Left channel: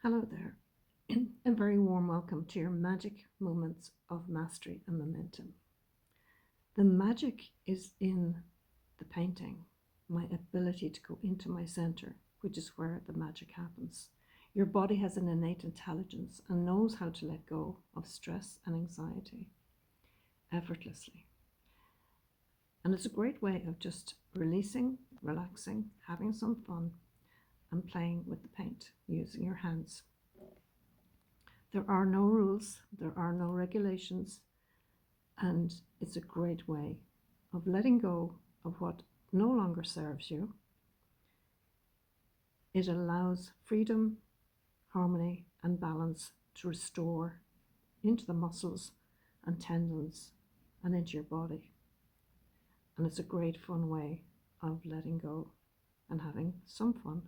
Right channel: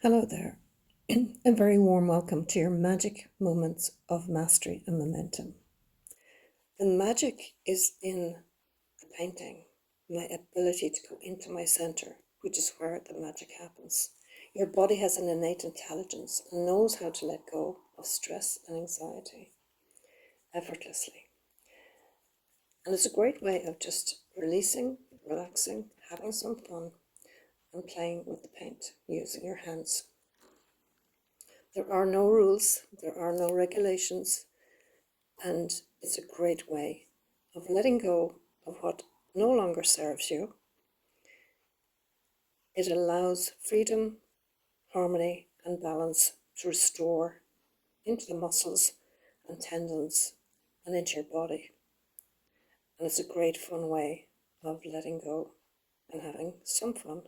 Hello there. A very warm welcome to your magic moments of mastery and momentum. The magic is in the painting, my ability to go into my center, which is where the magic happens. Your body has an innate intelligence and knows how to let go of stress and anxiety effortlessly. And it's a great way of just releasing, relaxing, having some fun, and playing with the paint using your hands. There are no rules, there are no regulations, and it's a great way of letting go of what no longer serves you. It allows freedom, harmony, and balance to restore into the muscles and tendons and into your body. And it's a great fun way of letting go and having some fun.